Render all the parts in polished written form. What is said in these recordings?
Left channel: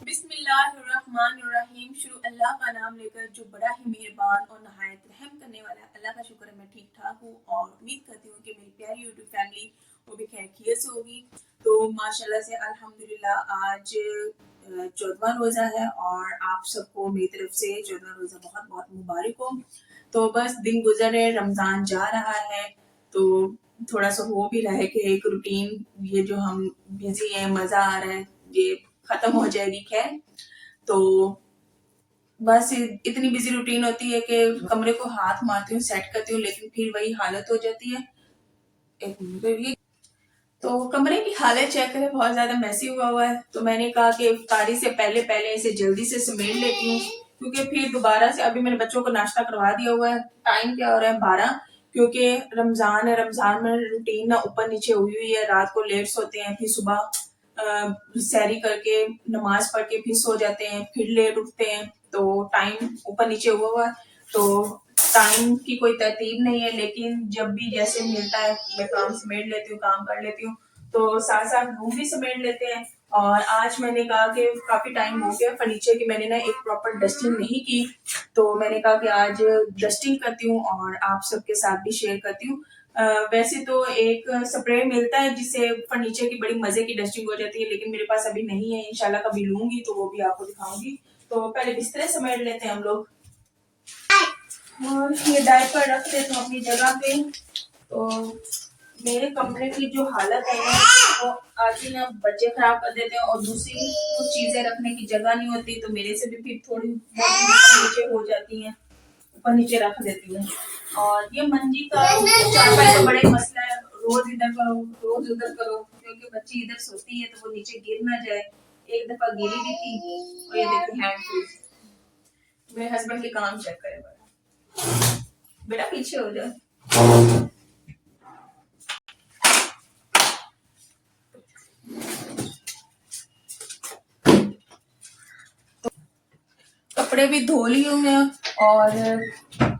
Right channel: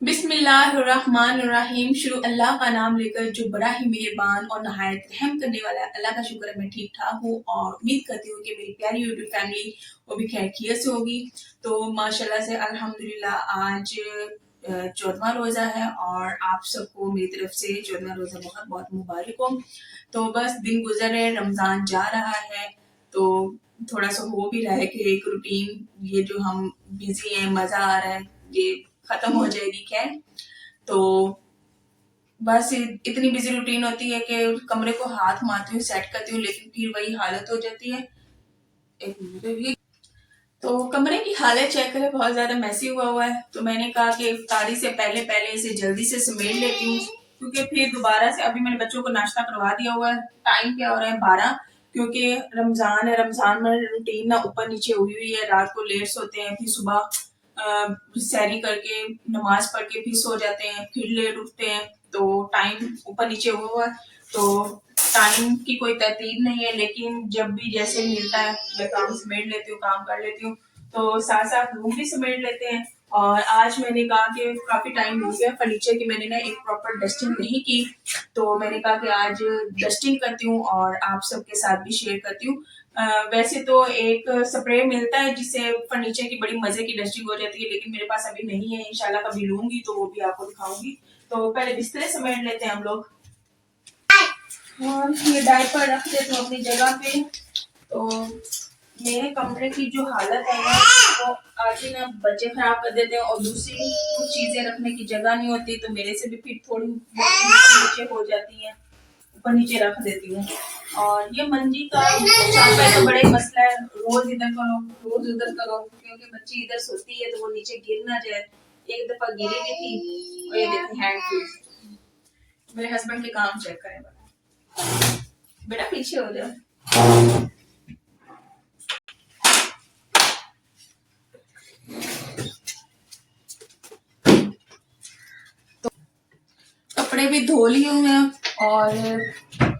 बिस्मिल्लाहिर्रहमानिर्रहीम। शुरू अल्लाह का नाम लेकर जो बड़ा ही मेहरबान और नहायत रहम करने वाला है। अल्लाह का शुक्र है मैं ठीक ठाक हूँ और उम्मीद करती हूँ कि मेरी प्यारी यूट्यूब फैमिली वो भी खैरियत से होगी। तो माशाल्लाह से अल्हम्दुलिल्लाह आज 14वां रोज़ा है और आप सबको मेरी तरफ से 14वां रोज़ा बहुत बहुत मुबारक हो। तो बस दिन गुजर रहे, रमज़ान जा रहा है, तो थोड़ा सा हो भी रहा है कि एक रूटीन ये जो हम बिजी हैं, मज़ा आ रहा है, ये खत्म हो जाएगी। खैर, तो बस इतनी बिजी रूटीन होती है कि कमरे को हाथ मारती हूँ, सेट करती हूँ, लेकिन फिर वही हालत हो जाती है। एक मिनट, तो कमरे की हालत चेक करें, बहुत ज्यादा मैसी हुआ है। तो मैंने कहा कि इफ्तारी से पहले पहले इसे जल्दी से समेट लेती हूँ, क्योंकि फिर दोबारा से अभी मैंने बच्चों को नाश्ता करवा दिया हुआ है। टाइम क्या हो रहा है 12, क्योंकि रमजान है। रमजान में रूटीन ना ऊपर नीचे हुई हुई है। रात को लेट सोते हैं, फिर सुबह सैरी करके नमाज पढ़ के फिर सो जाते हैं, फिर लेट उठते हैं, तो टाइम ऊपर नीचे हुआ हुआ है। तो टाइम की कोई तरतीब नहीं है, लेकिन जब भी जैसे मिलता है मैं काम समेट लेती हूँ, काम कर लेती हूँ। तो साथ साथ रूम भी समेट लेते हैं। और आज मैंने कहा कि काफी टाइम हो गया फर्नीचर की, मैंने ना एक प्रॉपर डस्टिंग नहीं की, तो मैंने कहा कि आज डस्टिंग करती हूँ और आप सबके साथ भी शेयर करती हूँ। वैसे तो एक स्प्रे मिलता है जिससे फर्नीचर की बड़ी मजे की डस्टिंग हो जाती है, लेकिन मेरे पास अभी नहीं है। इंशाल्लाह कभी लूंगी तो वो भी आपको दिखाऊंगी। तो पहले बिस्तरे समेट लेते हैं हम लोग, और ये डायपर रख देते हैं अपनी जगह पे। तो मेरे कमरे की जो हालत है ना, वो आज ही ना बच्चे खराब कर देते हैं, और दूसरी कुछ चीजें रखने की जगह नहीं होती, तो मेरे से भी फिर थोड़ी बहुत ऊपर नीचे हो जाती हैं, ऊपर नीचे रख देती हूँ। और ये मंजी का चारपाई का बड़ा ही मसला है, रोज इधर करो रोज उधर करो, क्योंकि बच्ची इधर सोती है तो वो नीचे गिर ना जाए। एक दफा गिरी भी थी। और ये देखिए हैंड फ्री। मेरे हस्बैंड के काम चेक करें, बेटा पीछे हो जाओ। कपड़े भी धो लिए हुए हैं और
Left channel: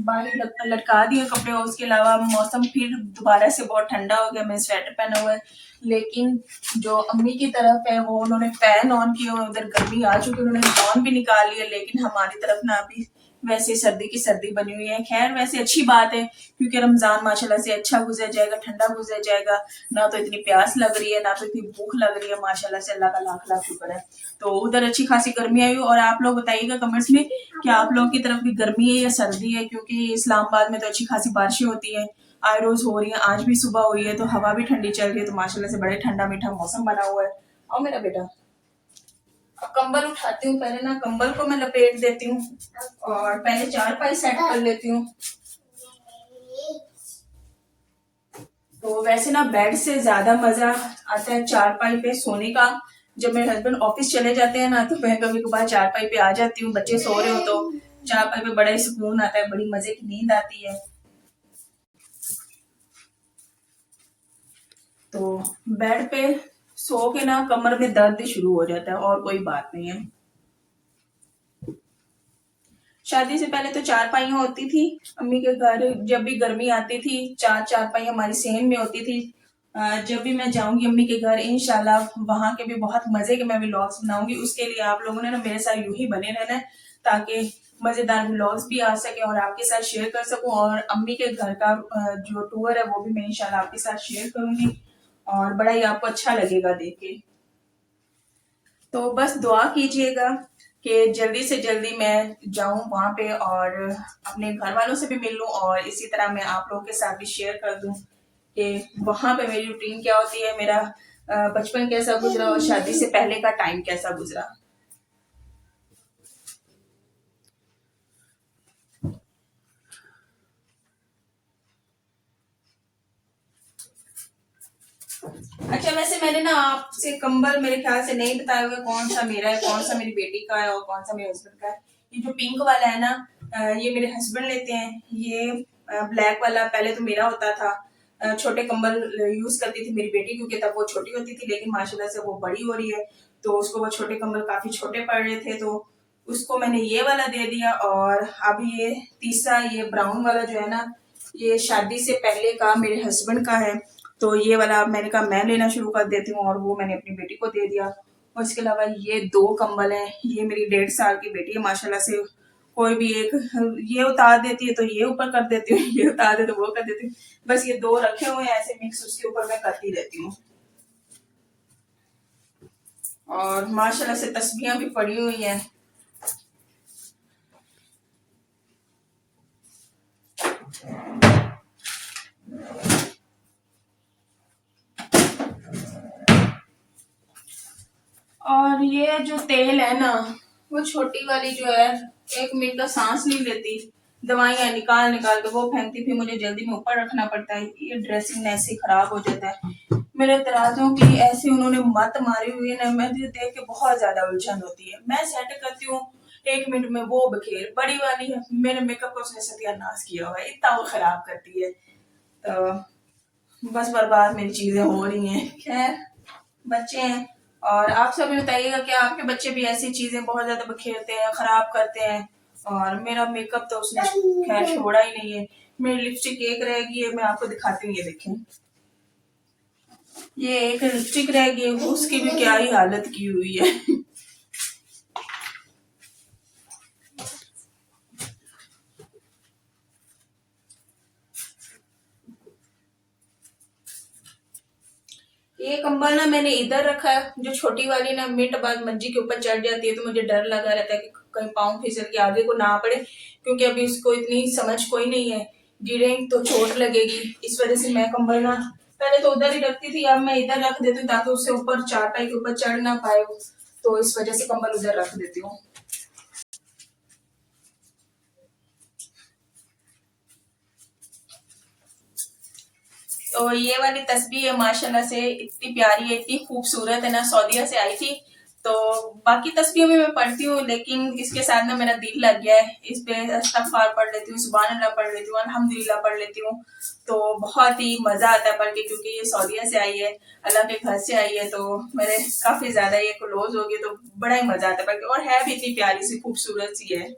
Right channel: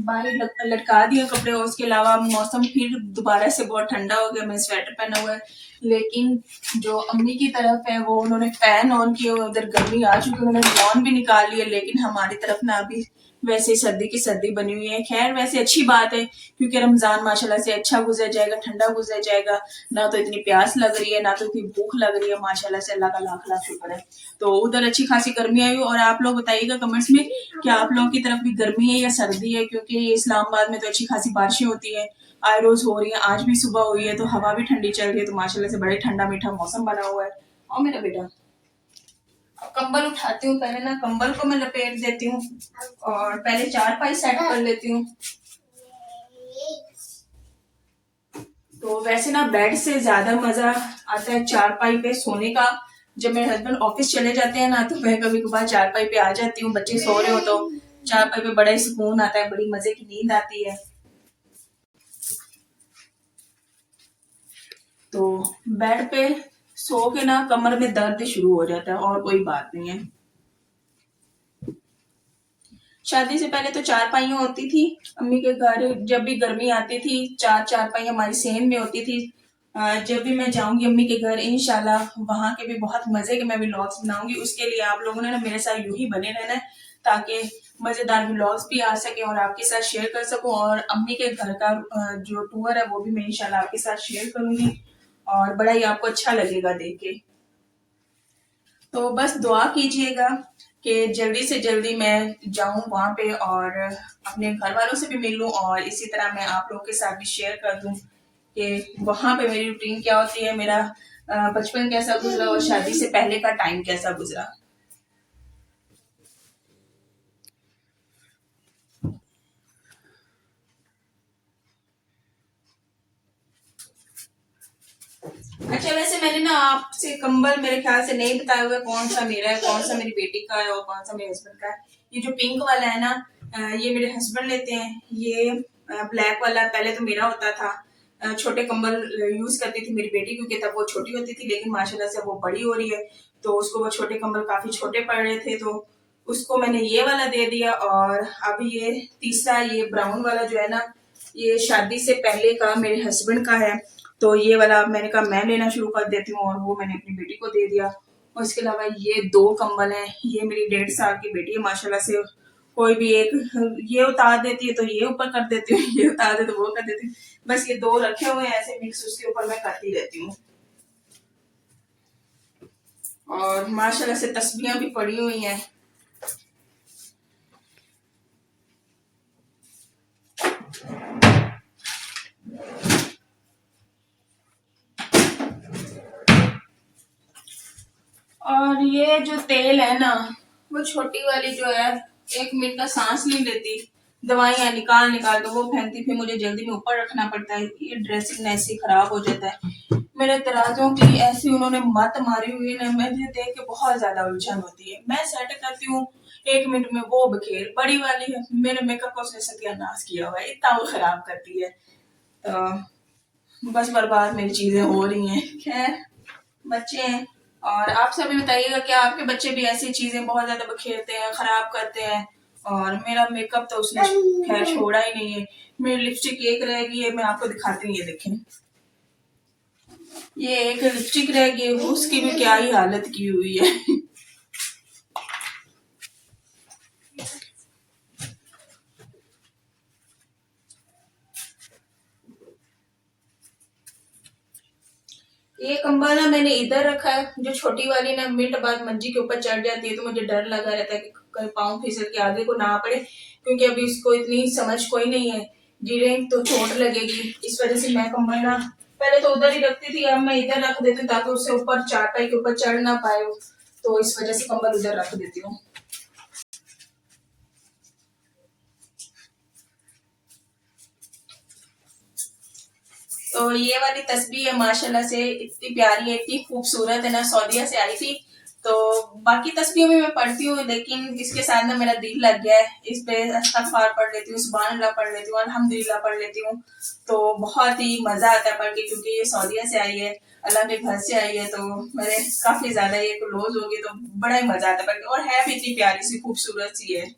बाहर लटका दिए कपड़े, और उसके अलावा मौसम फिर दोबारा से बहुत ठंडा हो गया। मैं स्वेटर पहना हुआ है, लेकिन जो अम्मी की तरफ है वो उन्होंने फैन ऑन किया हुआ, उधर गर्मी आ चुकी है, उन्होंने लॉन भी निकाल लिया, लेकिन हमारी तरफ ना अभी वैसे सर्दी की सर्दी बनी हुई है। खैर वैसे अच्छी बात है, क्योंकि रमजान माशाल्लाह से अच्छा गुजर जाएगा, ठंडा गुजर जाएगा, ना तो इतनी प्यास लग रही है, ना तो इतनी भूख लग रही है। माशाल्लाह से अल्लाह का लाख लाख शुक्र है। तो उधर अच्छी खासी गर्मी आई हो। और आप लोग बताइएगा कमेंट्स में कि आप लोगों की तरफ भी गर्मी है या सर्दी है, क्योंकि इस्लामाबाद में तो अच्छी खासी बारिशें होती है, आए रोज हो रही है। आज भी सुबह हुई है, तो हवा भी ठंडी चल रही है, तो माशाल्लाह से बड़े ठंडा मीठा मौसम बना हुआ है। और मेरा बेटा, अब कंबल उठाती हूँ, पहले ना कंबल को मैं लपेट देती हूँ और पहले चारपाई सेट कर लेती हूँ। तो वैसे ना बेड से ज्यादा मजा आता है चारपाई पे सोने का। जब मेरे हस्बैंड ऑफिस चले जाते हैं ना, तो मैं कभी कभार चारपाई पे आ जाती हूँ, बच्चे सो रहे हो तो चारपाई पे बड़ा ही सुकून आता है, बड़ी मजे की नींद आती है। तो बेड पे सो के ना कमर में दर्द शुरू हो जाता है, और कोई बात नहीं है। शादी से पहले तो चारपाइयाँ होती थी अम्मी के घर, जब भी गर्मी आती थी चार चारपाई हमारी सेम में होती थी। जब भी मैं जाऊंगी अम्मी के घर, इंशाल्लाह वहां के भी बहुत मजे के मैं व्लॉग्स बनाऊंगी। उसके लिए आप लोगों ने ना मेरे साथ यूं ही बने रहना है, ताकि मजेदार व्लॉग्स भी आ सके और आपके साथ शेयर कर सकूं। और अम्मी के घर का जो टूर है वो भी मैं इंशाल्लाह आपके साथ शेयर करूंगी, और बड़ा ही आपको अच्छा लगेगा देख के। तो बस दुआ कीजिएगा कि जल्दी से जल्दी मैं जाऊं वहां पे और अपने घर वालों से भी मिल लूं, और इसी तरह मैं आप लोगों के साथ भी शेयर कर दूं कि वहां पे मेरी रूटीन क्या होती है, मेरा बचपन कैसा गुजरा और शादी से पहले का टाइम कैसा गुजरा। अच्छा, वैसे मैंने ना आपसे कंबल मेरे ख्याल से नहीं बताया हुआ कौन सा मेरा है, कौन सा मेरी बेटी का है और कौन सा मेरे हस्बैंड का है। ये जो पिंक वाला है ना, ये मेरे हस्बैंड लेते हैं। ये ब्लैक वाला पहले तो मेरा होता था। छोटे कंबल यूज करती थी मेरी बेटी, क्योंकि तब वो छोटी होती थी, लेकिन माशाल्लाह से वो बड़ी हो रही है, तो उसको वो छोटे कंबल काफी छोटे पड़ रहे थे, तो उसको मैंने ये वाला दे दिया। और अब ये तीसरा, ये ब्राउन वाला जो है ना, ये शादी से पहले का मेरे हस्बैंड का है, तो ये वाला मैंने कहा मैं लेना शुरू कर देती हूँ, और वो मैंने अपनी बेटी को दे दिया। और इसके अलावा ये 2 कंबल हैं। ये मेरी 1.5 साल की बेटी है, माशाल्लाह से कोई भी एक ये उतार देती है तो ये ऊपर कर देती हूँ, ये उतार दे तो वो कर देती हूँ। बस ये 2 रखे हुए हैं ऐसे मिक्स, उसके ऊपर मैं करती रहती हूँ। और माशाल्लाह से तस्बीहां भी पड़ी हुई हैं। और ये जो तेल है ना, वो छोटी वाली जो है 1 मिनट का सांस नहीं लेती, दवाइयाँ निकाल निकाल के वो फेंकती, फिर मुझे जल्दी में ऊपर रखना पड़ता है। ये ड्रेसिंग ऐसे खराब हो जाता है। मेरे तराजों की ऐसी उन्होंने मत मारी हुई है ना, मुझे देख के बहुत ज्यादा उलझन होती है। मैं सेट करती हूँ 1 मिनट में, वो बखेर बड़ी वाली है, मेरे मेकअप का उसने सत्यानाश किया हुआ है, इतना वो खराब करती है। तो बस बर्बाद मेरी चीजें हो रही हैं। खैर बच्चे हैं। और आप सभी बताइएगा क्या आपके बच्चे भी ऐसी चीजें बहुत ज्यादा बखेरते हैं, खराब करते हैं? और मेरा मेकअप तो उसने खैर छोड़ा ही नहीं है। मेरी लिपस्टिक एक रह गई है, मैं आपको दिखाती हूँ, ये देखें, ये एक लिपस्टिक रह गई है, उसकी भी क्या ही हालत की हुई है। ये कंबल ना मैंने इधर रखा है, जो छोटी वाली ना मिनट बाद मंजी के ऊपर चढ़ जाती है, तो मुझे डर लगा रहता है कि कहीं पाँव फिसल के आगे को ना पड़े, क्योंकि अभी इसको इतनी समझ कोई नहीं है, गिरे तो चोट लगेगी। इस वजह से मैं कंबल ना पहले तो उधर ही रखती थी, अब मैं इधर रख देती हूँ ताकि उससे ऊपर चारपाई के ऊपर चढ़ ना पाए वो। तो इस वजह से कंबल उधर रख देती हूँ। तो ये वाली तस्बीह है, माशाल्लाह से इतनी प्यारी है, इतनी खूबसूरत है ना, सऊदीया से आई थी। तो बाकी तस्बीह भी मैं पढ़ती हूँ, लेकिन इसके साथ ना मेरा दिल लग गया है, इस पे अस्तगफार पढ़ लेती हूँ, सुभान अल्लाह पढ़ लेती हूँ, अल्हम्दुलिल्लाह पढ़ लेती हूँ। तो बहुत ही मजा आता है पढ़ के, क्योंकि ये सऊदीया से आई है, अल्लाह के घर से आई है, तो मेरे काफी ज्यादा ये क्लोज हो गई, तो बड़ा ही मजा आता है पढ़ के, और है भी इतनी प्यारी सी खूबसूरत सी है।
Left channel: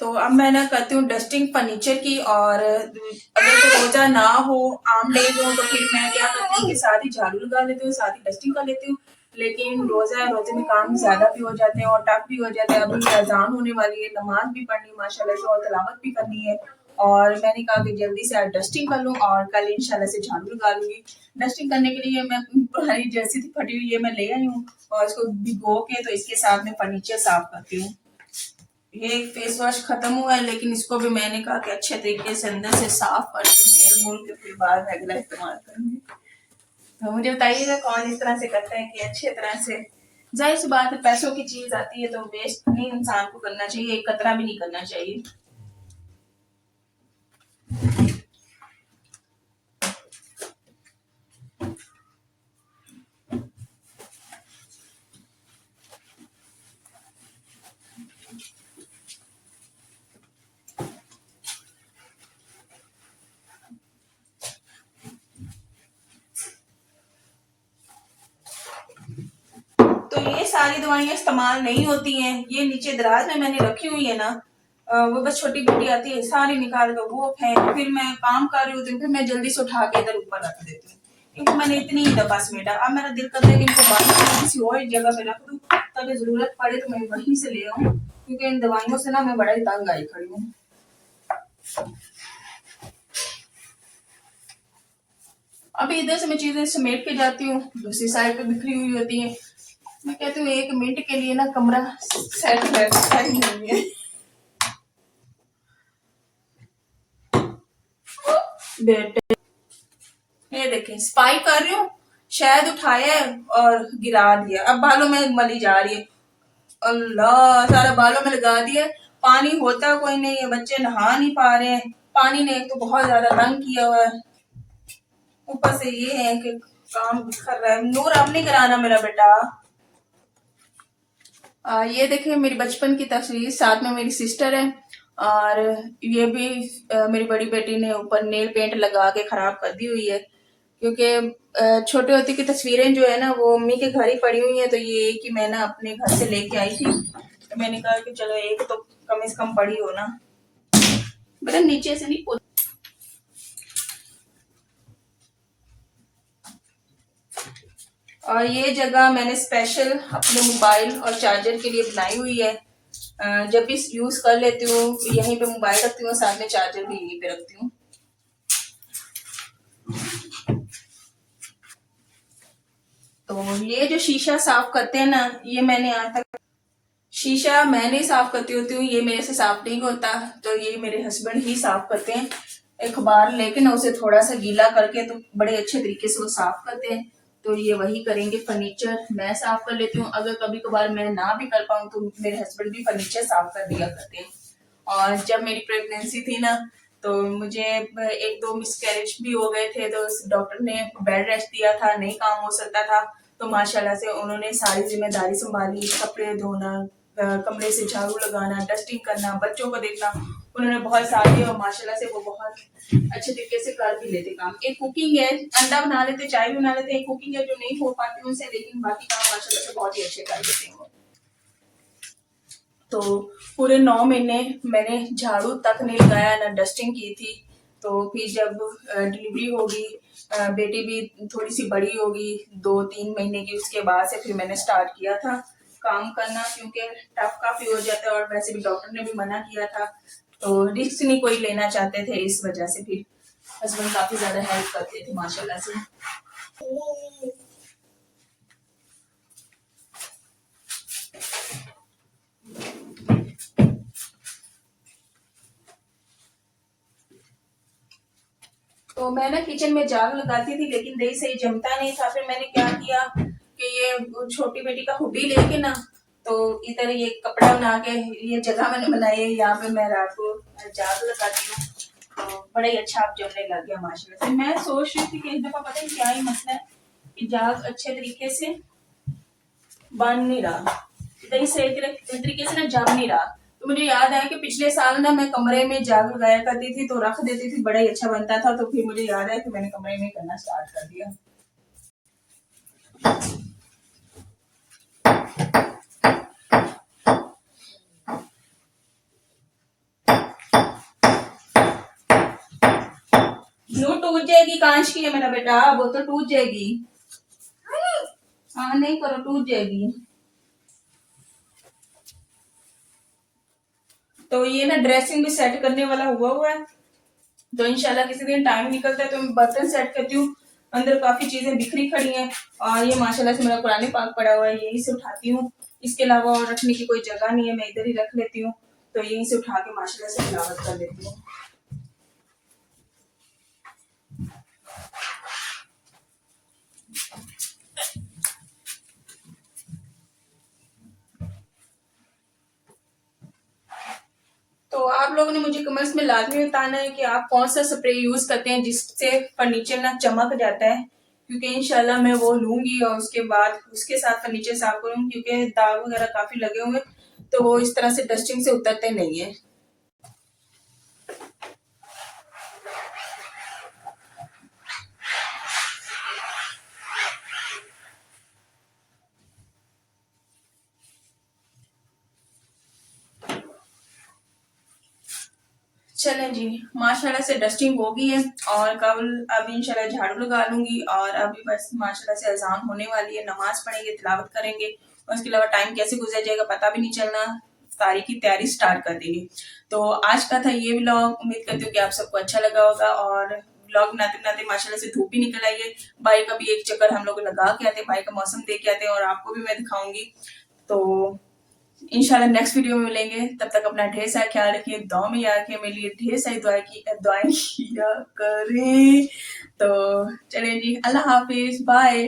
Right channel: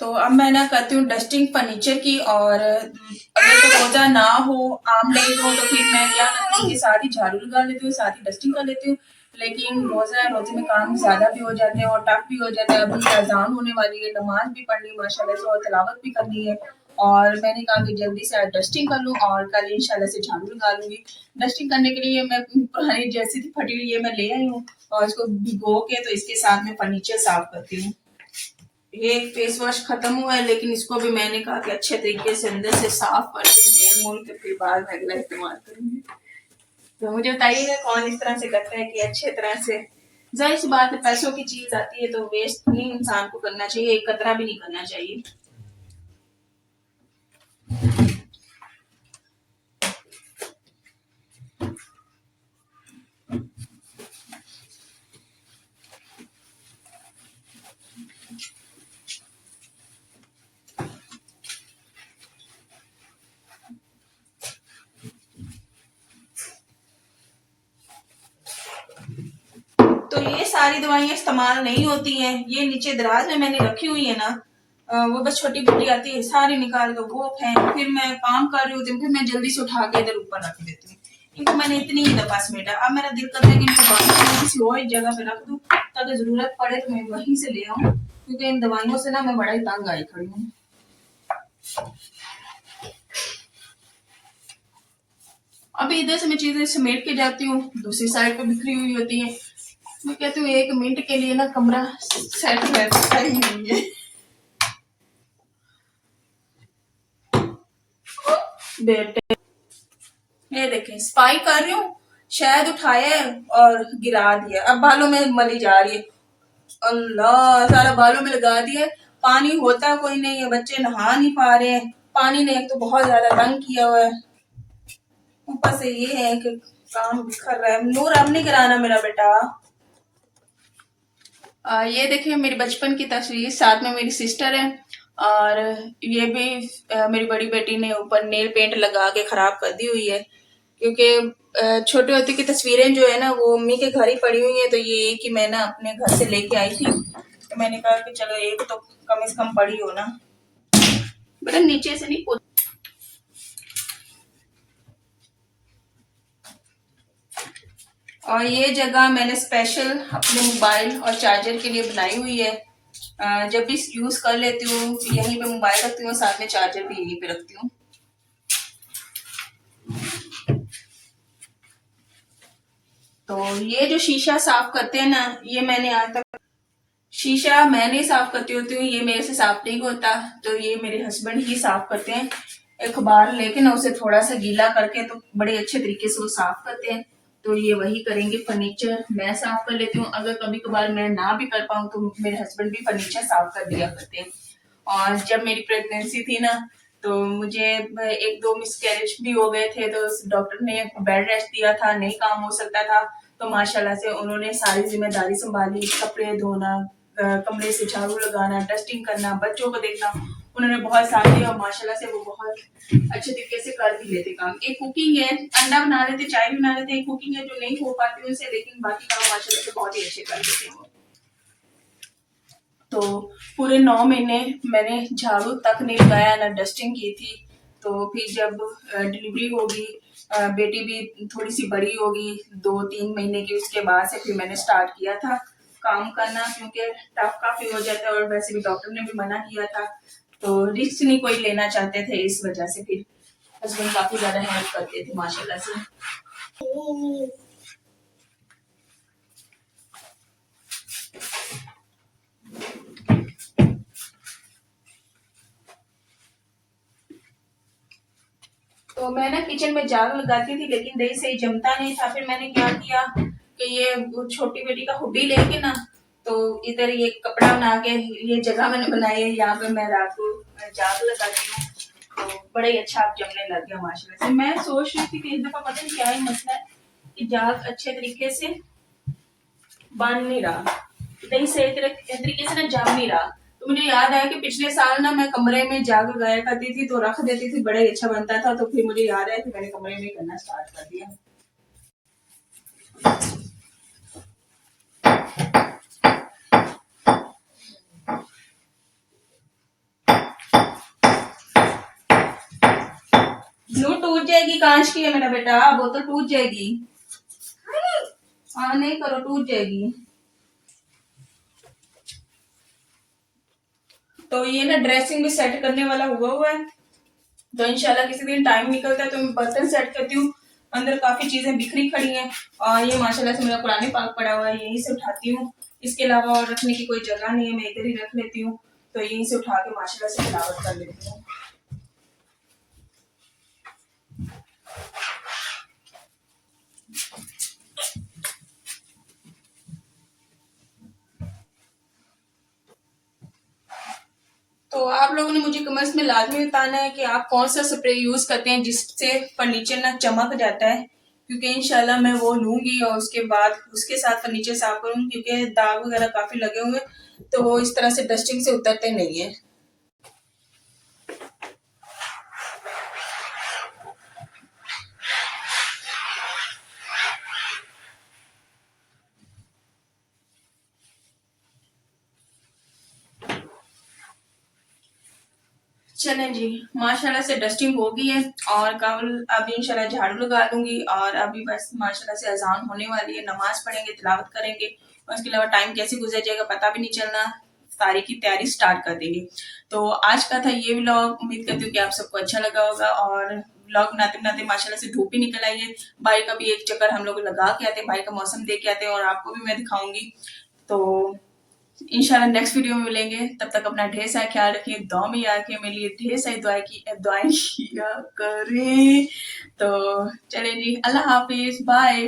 तो अब मैं ना करती हूँ डस्टिंग फर्नीचर की, और अगर तो रोजा ना हो, आम डे हो, तो फिर मैं क्या करती हूँ कि साथ ही झाड़ू लगा लेती हूँ, साथ ही डस्टिंग कर लेती हूँ। लेकिन रोजा है, रोजे में काम ज्यादा भी हो जाते हैं और टफ भी हो जाता है। अभी अजान होने वाली है, नमाज भी पढ़नी माशाल्लाह से, और तिलावत भी करनी है। और मैंने कहा कि जल्दी से आज डस्टिंग कर लूँ, और कल इंशाल्लाह से झाड़ू लगा लूंगी। डस्टिंग करने के लिए मैं पुरानी जर्सी थी फटी हुई है, मैं ले आई हूँ, और इसको भिगो के तो इसके साथ में फर्नीचर साफ करती हूँ। ये फेस वॉश खत्म हुआ है, लेकिन इसको भी मैंने कहा कि अच्छे तरीके से अंदर से साफ करके मेल मोल के फिर बाद में अगला इस्तेमाल करूंगी। तो मुझे बताइएगा कौन इस तरह से करता है कि अच्छे तरह से। जाहिर सी बात है, पैसों की चीज आती है तो वेस्ट नहीं इंसान को करना चाहिए, एक कतरा भी नहीं करना चाहिए। तो ये सारी दवाइयाँ इस्तेमाल नहीं होती हैं, ये नीचे दराज में मैंने रखी हुई है ना, वो बस छोटी बेटी आती है सारी निकाल के वो फेंक, फिर मैं काम कर रही होती हूँ, फिर मैं जल्दी से उठा के इधर ऊपर रख देती हूँ। इनको मैंने इतनी ही दफा समेटा, अब मेरा दिल करता है कि इनको बाहर किसी और जगह पे रख दूँ, ताकि जरूरत पड़े तो मैं वहीं से ले आऊँ, क्योंकि इन दवाइयों से ना मैं बड़ा ही तंग आई खड़ी हूँ। अभी इधर से मैं चीजें समेट के जाती हूँ, दूसरी साइड पे बिखरी हुई होती है। मैं कहती हूँ 1 मिनट के लिए ना कमरा सेट रहता ही नहीं है। बेटे ये देखें, स्पाई कर रही हूँ, शायद उठाया है और गिरा दिया, अब बालों में मली जा रही है। अल्लाह, सारा बालों में लगा दिया। पानी होता कोई नहीं है, बच्चे नहा नहीं पा रहे हैं, पानी ने एक तो बहुत ज्यादा तंग किया हुआ है, ऊपर से ये है कि काम बिखर रहा है। नूर अब नहीं कराना मेरा बेटा। ये देखिए मेरी बचपन की तस्वीर, साथ में मेरी सिस्टर है, और ये भी मेरी बड़ी बेटी ने ऊपर नेल पेंट लगा के खराब कर दी हुई है, क्योंकि छोटे होते की तस्वीरें जो है ना वो मम्मी के घर ही पड़ी हुई है, तो ये कि मैं ना अपने घर से लेके आई थी, तो मैंने कहा कि चलो एक तो कम से कम पड़ी हो ना, बेटा नीचे से नहीं। और ये जगह मैंने स्पेशल अपने मोबाइल और चार्जर के लिए बनाई हुई है। जब भी यूज कर लेती हूँ यहीं पे मोबाइल रखती हूँ, साथ में चार्जर भी यहीं पे रखती हूँ। तो ये जो शीशा साफ करते हैं ना, ये मैंने आज तक शीशा मैंने साफ करती होती हूँ, ये मेरे से साफ नहीं होता, तो ये मेरे हस्बैंड ही साफ करते हैं। अखबार लेके ना उसे थोड़ा सा गीला करके तो बड़े अच्छे तरीके से वो साफ करते हैं। तो ये वही करेंगे। फर्नीचर मैं साफ कर लेती हूँ, अगर कभी कभार मैं ना भी कर पाऊँ तो मेरे हस्बैंड भी फर्नीचर साफ कर दिया करते हैं। और जब मेरी प्रेगनेंसी थी ना, तो मुझे एक दो मिसकैरेज भी हो गए थे, तो डॉक्टर ने बेड रेस्ट दिया था, नहीं काम हो सकता था। तो माशाल्लाह से उन्होंने सारी जिम्मेदारी संभाली, कपड़े धोना, कमरे से झाड़ू लगाना, डस्टिंग करना, बच्चों को देखना, उन्होंने बहुत साथ दिया। और माशाल्लाह से वो बहुत अच्छे तरीके से कर भी लेते काम। एक कुकिंग है, अंडा बना लेते, चाय भी बना लेते, एक कुकिंग है जो नहीं हो पाती उनसे, लेकिन बाकी काम माशाल्लाह से बहुत ही अच्छे कर लेते हैं। तो पूरे 9 महीने मैंने झाड़ू तक नहीं लगाया, ना डस्टिंग की थी। तो फिर जब डिलीवरी होगी, बेटी भी थोड़ी सी बड़ी होगी, 2-3 महीने की, उसके बाद से फिर मैंने स्टार्ट किया था काम करना, क्योंकि टफ काफी हो जाता है और वैसे भी डॉक्टर ने भी मना किया था, तो रिस्क नहीं कोई लेना चाहते थे, इस वजह से फिर हस्बैंड काफी ज्यादा हेल्प करते थे माशाल्लाह से। तो मैं ना किचन में झाड़ू लगाती थी, लेकिन दही सही जमता नहीं था। फिर मैंने क्या किया कि ये छोटी बेटी का हुडी लेके ना, तो इधर ये कपड़ा बना के ये जगह मैंने बनाई है, यहाँ पे मैं रात को झाड़ू लगाती हूँ, तो बड़ा ही अच्छा आप जमने लग गया माशाल्लाह से। मैं सोच रही थी कि इस दफा पता नहीं क्या ही मसला है कि जाग अच्छे तरीके से बन नहीं रहा, दही सही तरीके से ना जम नहीं रहा। तो मुझे याद आया कि पिछले साल ना मैं कमरे में जाग लगाया करती थी, तो रख देती थी, बड़ा ही अच्छा बनता था। तो फिर मुझे याद आया कि मैंने कमरे में करना स्टार्ट कर दिया। नो टूट जाएगी, कांच की है मेरा बेटा, वो तो टूट जाएगी। हाँ नहीं करो, टूट जाएगी। तो ये ना ड्रेसिंग भी सेट करने वाला हुआ है, तो इंशाल्लाह किसी दिन टाइम निकलता है तो मैं बर्तन सेट करती हूँ। अंदर काफी चीजें बिखरी खड़ी हैं, और ये माशाल्लाह से मेरा कुरान पाक पड़ा हुआ है, यहीं से उठाती हूँ। इसके अलावा और रखने की कोई जगह नहीं है, मैं इधर ही रख लेती हूँ, तो यहीं से उठा के माशाल्लाह से तिलावत कर लेती हूँ। तो आप लोगों ने मुझे कमेंट्स में लाजमी बताना है कि आप कौन सा स्प्रे यूज करते हैं जिससे फर्नीचर ना चमक जाता है, क्योंकि इंशाल्लाह मैं वो लूंगी और उसके बाद उसके साथ फर्नीचर साफ करूंगी, क्योंकि दाग वगैरह काफी लगे हुए, तो वो इस तरह से डस्टिंग से उतरते नहीं है। चलें जी, माशाल्लाह से डस्टिंग हो गई है, और कल अभी इंशाल्लाह झाड़ू लगा लूंगी, और अभी बस माशाल्लाह से अजान होने वाली है, नमाज पढ़ेंगे, तिलावत करेंगे, और उसके अलावा टाइम कैसे गुजर जाएगा पता भी नहीं चलना, तारीख की तैयारी स्टार्ट कर देंगे। तो आज का था ये व्लॉग, उम्मीद करती हूँ कि आप सबको अच्छा लगा होगा। और व्लॉग बनाते बनाते माशाल्लाह से धूप भी निकल आई है, भाई का भी एक चक्कर हम लोग लगा के आते हैं, भाई का मौसम देख के आते हैं, और आपको भी मैं दिखाऊंगी। तो इंशाल्लाह नेक्स्ट वीडियो में मिलेंगे, तब तक अपना ढेर सारा ख्याल रखिए, दुआ में याद रखिए, मेरे लिए ढेर सारी दुआएं किया करें। तो चलें जी, अल्लाह हाफिज, बाय।